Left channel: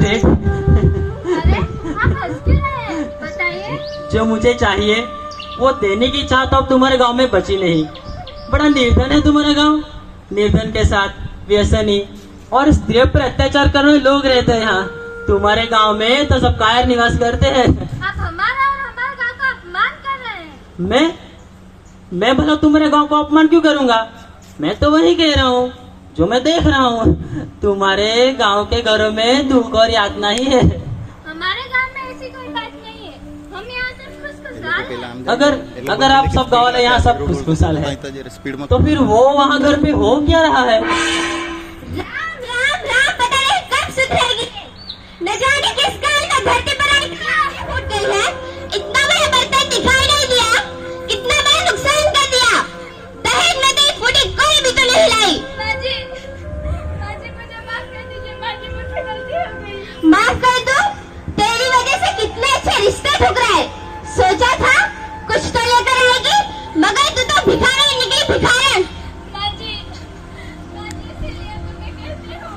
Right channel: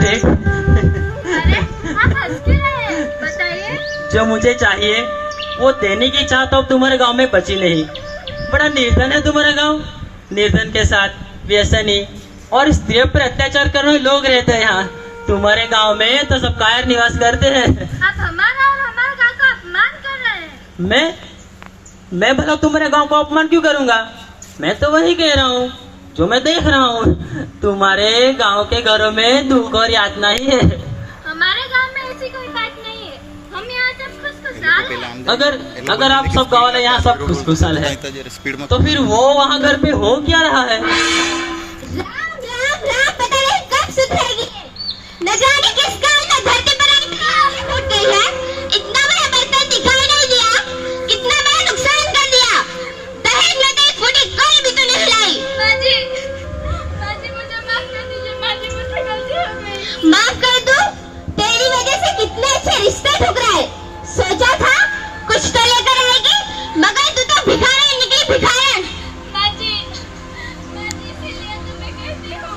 देख, अरे आप हंस क्यों रहे हैं? बताइए। जो मुझे चाहिए वो देने की चाह तो अब तुम्हारे गांव में बची नहीं। बड़ा निर्धन है तुम्हारा गांव। निर्धन के साथ व्यसनी और स्त्रियों पर अत्याचार करने वाले लोग रहते हैं यहाँ। तुम्हारे गांव में तो सब कायर निवास करते हैं। आप हमारा और हमारे गांव का अपमान कर रहे हैं। मैं भला तुम्हारे गांव का अपमान क्यों करूंगा? मैं तो वही कह रहा हूँ जो मैं देख रहा हूँ। तुम्हारे गांव के घरों में दुख और यातना ही है। हमारे गांव में ऐसी कोई बात नहीं है। हम यहाँ सब खुशखुशहाल हैं। अगर आप सब गाँव वाले यहाँ सब खुशखुशाल है तो फिर वो वहाँ घर पे हो क्या रहा है? राम राम राम, पता नहीं कब सुधरेगी। न जाने किस कारण धरती पर इतनी फूट गई है। इतना बड़ा बर्तन दिखाई नहीं दिया, कितना बड़ा नुकसान कर दिया। दहेज नदी फूटी, कोई भी तो नहीं लाई। माजी, माजी मुझे माफ कर दीजिए। माजी मुझसे गलती हो गई। माफ कर दो? तेरी वजह से कितने अच्छे रिश्ते ठुकराए। सोचा था कुछ तो लेकर आएगी, मगर तू तो भिखारी निकली, भिखारन। माजी, माजी इसीलिए तो मैं कहती हूँ,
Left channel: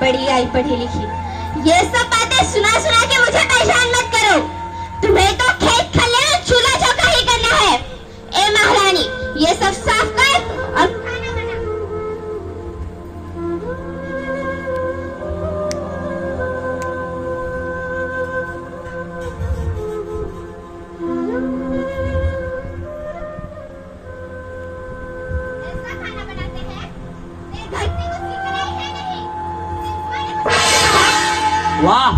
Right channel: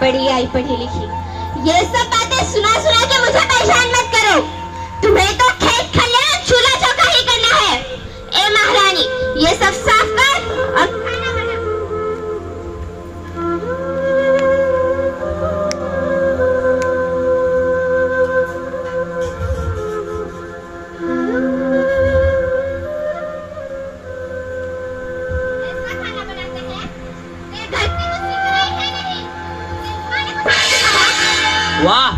पढ़ी आई पढ़ी लिखी, ये सब बातें सुना सुना के मुझे परेशान मत करो। तुम्हें तो खेत खलियान चूल्हा चौका ही करना है। ए महारानी, ये सब साफ कर और खाना बना। ऐसा खाना बनाते हैं, ये घर की मुझसे कढ़ाई है नहीं। सिर्फ माने को वाह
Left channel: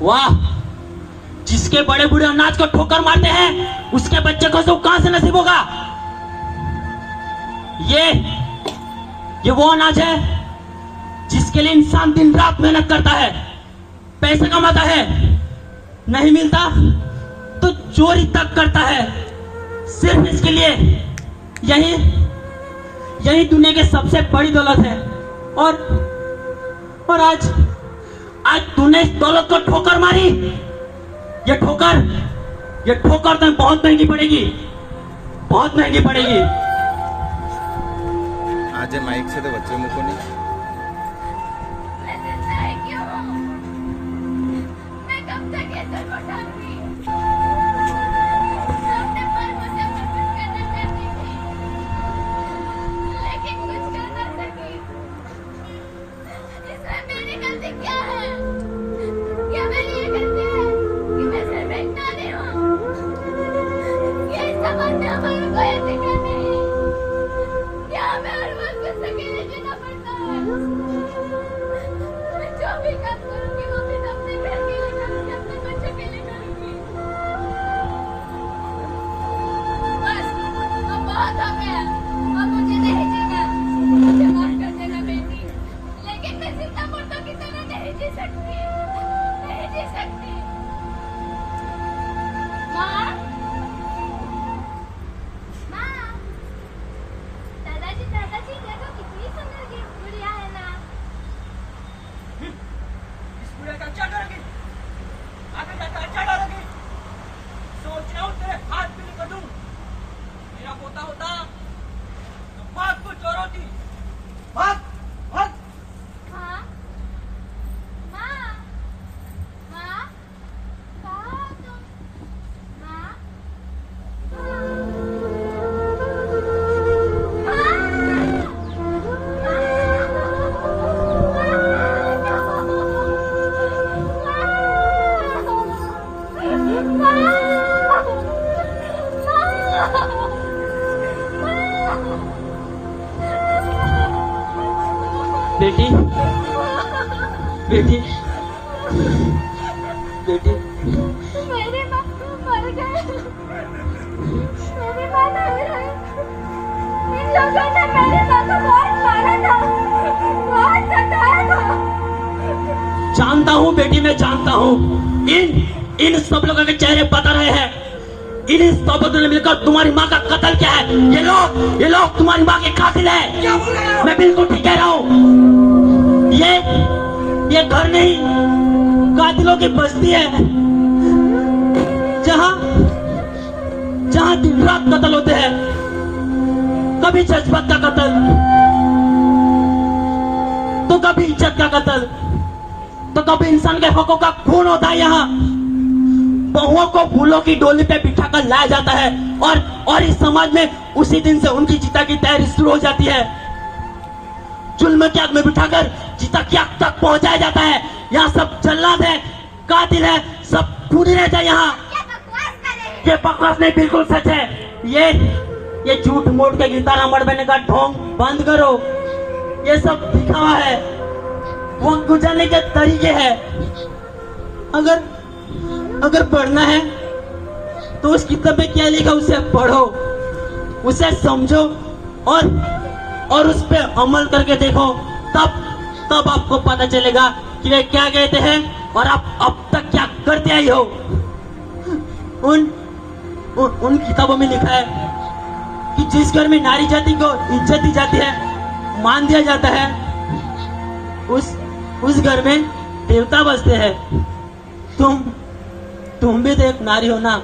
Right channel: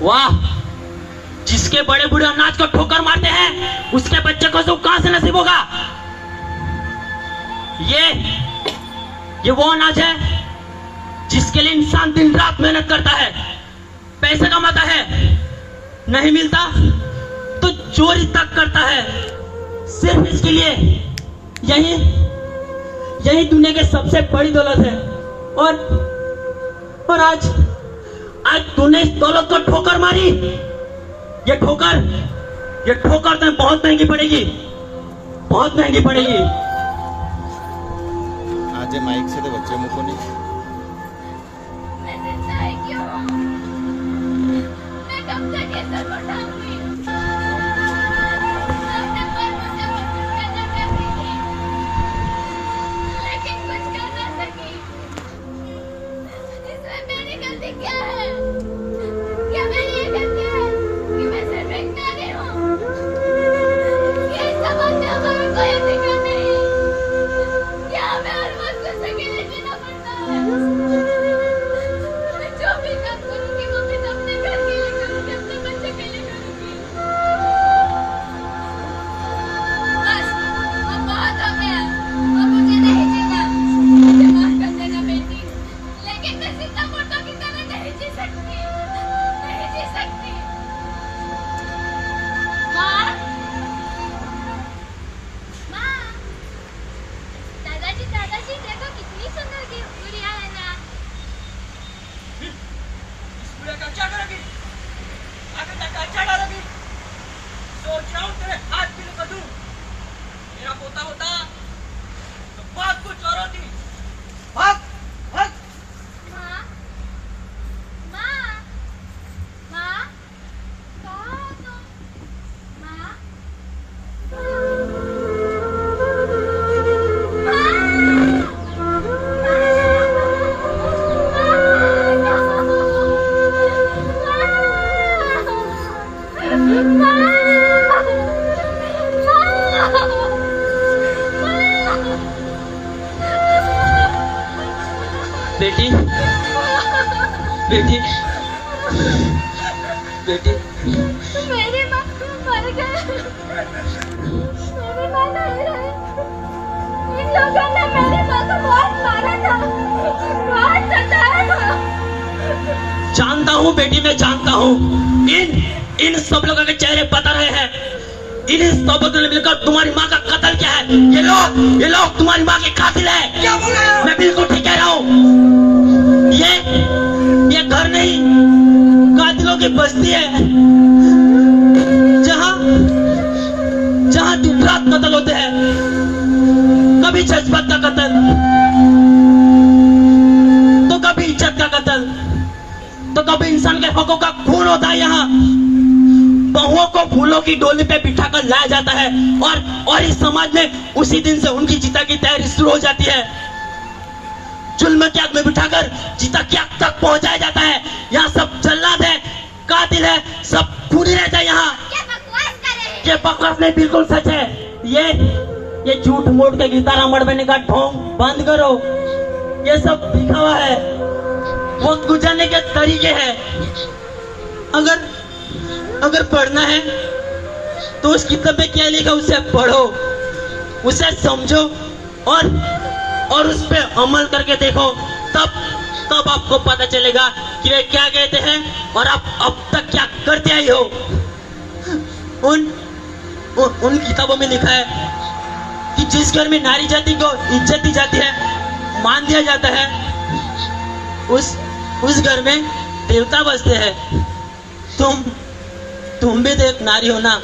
वाह, जिसके बड़े बूढ़े अनाज को ठोकर मारते हैं उसके बच्चे को सुख कहां से नसीब होगा? ये वो अनाज है जिसके लिए इंसान दिन रात मेहनत करता है, पैसा कमाता है, नहीं मिलता तो चोरी तक करता है सिर्फ इसके लिए। यही दुनिया की सबसे बड़ी दौलत है। और आज तूने इस दौलत को ठोकर मारी। ये ठोकर तो बहुत महंगी पड़ेगी, बहुत महंगी पड़ेगी। आज माइक से तो बच्चे मुको नहीं। मैं जिंदा ही क्यों हूँ? मैं कब तक ये सब उठाऊंगी? अपने पर मुझे कुछ करना करती थी, लेकिन कुछ कर ना सकी। इसमें मेरी गलती क्या है? क्या मेरी ये गलती है कि मैं सिर्फ एक नानी हूँ? ये इस समाज में हमारा कोई अधिकार नहीं। क्या हमें हर वक्त कुछ अकेले जीना पड़ता है? मैं जो भी काम करूंगी वो भी अपने घर के लिए करूंगी, अपने बच्चे के लिए करूंगी। बस, अब बहुत हो गया। अब मुझे नहीं जीना। मुझे माफ कर देना बेटी, लेकिन मैं जिंदा मुर्दों की तरह नहीं जी सकती, नहीं जी सकती। माँ, माँ, दादाजी दादाजी देखो कितनी सुंदर गुड़िया है ना। इस गुड़िया का क्या करोगी? आगे जाकर अच्छा डालोगी? सोच रहा हूँ तेरे हाथ भी निकल दूं। मेरा पोता होता तो बहुत कुछ और होती। भाग भाग। माँ, माँ, माँ, कहाँ हो तुम? माँ, बेटी बेटी बेटी, मेरी माँ मर गई। मेरी माँ नहीं रही। इन लोगों ने मेरी माँ को बहुत मारा था, बहुत सताया था। जानता हूँ बेटी, मैं जानता हूँ। इन सब लोगों के चेहरे बता रहे हैं। इन सब लोगों ने मिलकर तुम्हारी माँ का कत्ल किया है। ये लोग तुम्हारी माँ के कातिल है। क्या बोल रहे हो? मैं बिल्कुल ठीक कह रहा हूँ। ये घर नहीं, कातिलों की बस्ती है, जहाँ रात रात कत्ल होते हैं, कभी जज्बात का कत्ल, तो कभी इज्जत का कत्ल, तो कभी इंसान के हकों का खून होता है। यहाँ बहुओं को फूलों की डोली पे बिठाकर लाया जाता है और इस समाज में उसी दिन से उनकी चिता की तैयारी शुरू हो जाती है। जुल्म की आग में बिठाकर चिता की आग तक पहुंचाया जाता है। यहाँ सब जल्लाद है, कातिल है, सब खूनी रहता है। यहाँ क्या बकवास कर रहे हैं? ये बकवास नहीं, बिल्कुल सच है। ये झूठ मूठ के गिरदारा मड़बने का ढोंग बंद करो। ये सब दिखावा है, वक्त गुजारने के तरीके हैं। अगर पढ़ना है तो उस किताब में क्या लिखा उसे पढ़ो, उसे समझो और उस पे अमल करके देखो। तब आपको पता चलेगा कि वे क्या कहते हैं और आप अब तक क्या करते आई हो। उन किताबों में लिखा है कि जिस घर में नारी जाति को इज्जत दी जाती है, मान दिया जाता है, उस घर में देवता बसते हैं। तुम भी तो एक नारी हो ना,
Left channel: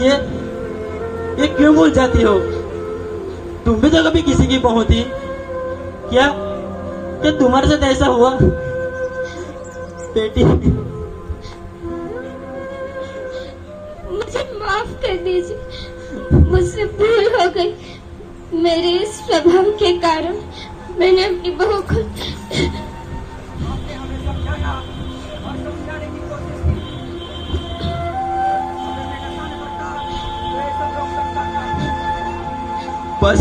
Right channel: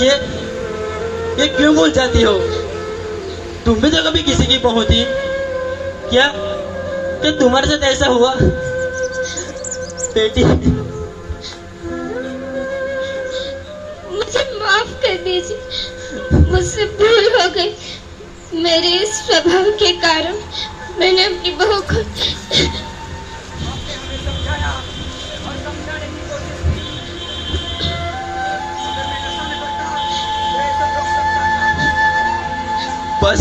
ये क्यों भूल जाती हो? तुम भी तो कभी किसी की बहू थी क्या? कि तुम्हारे साथ ऐसा हुआ? बेटी, मुझे माफ कर दीजिए, मुझसे भूल हो गई। मेरे इस स्वभाव के कारण मैंने अपनी बहू को बस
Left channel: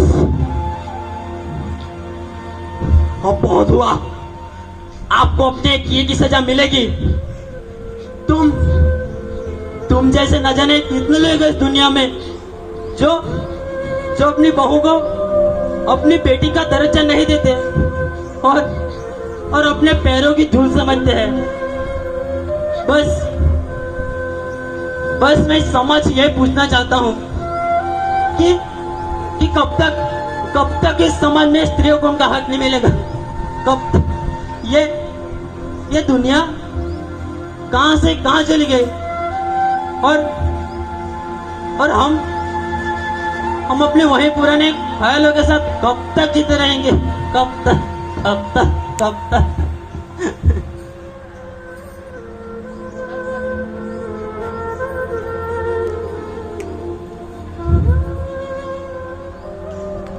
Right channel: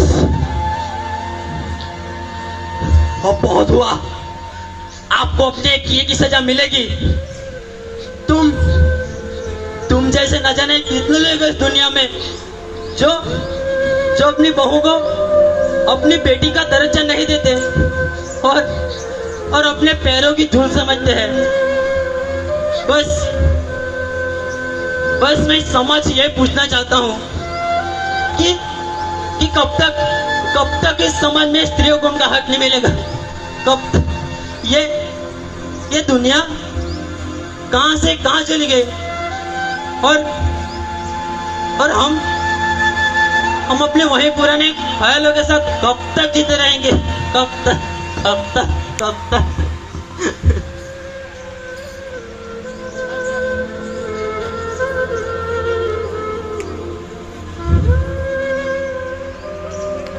अब बहुत हुआ। आपको अपने किए की सजा मिलेगी। तुम जैसे न जाने कितने लोग इस दुनिया में जो अपनी बहू को अपनी बेटी का दर्जा नहीं देते और अपने पैरों की धूल समझते हैं। बस मैं समझ ये पूछना चाहता हूँ कि कब तक इस समाज में स्त्रियों को उनका हक नहीं मिलेगा? कब तक? ये दुनिया कहां से कहां चली गई और हम अपने वही पुराने ख्यालों के साथ कब तक जीते रहेंगे? कब तक?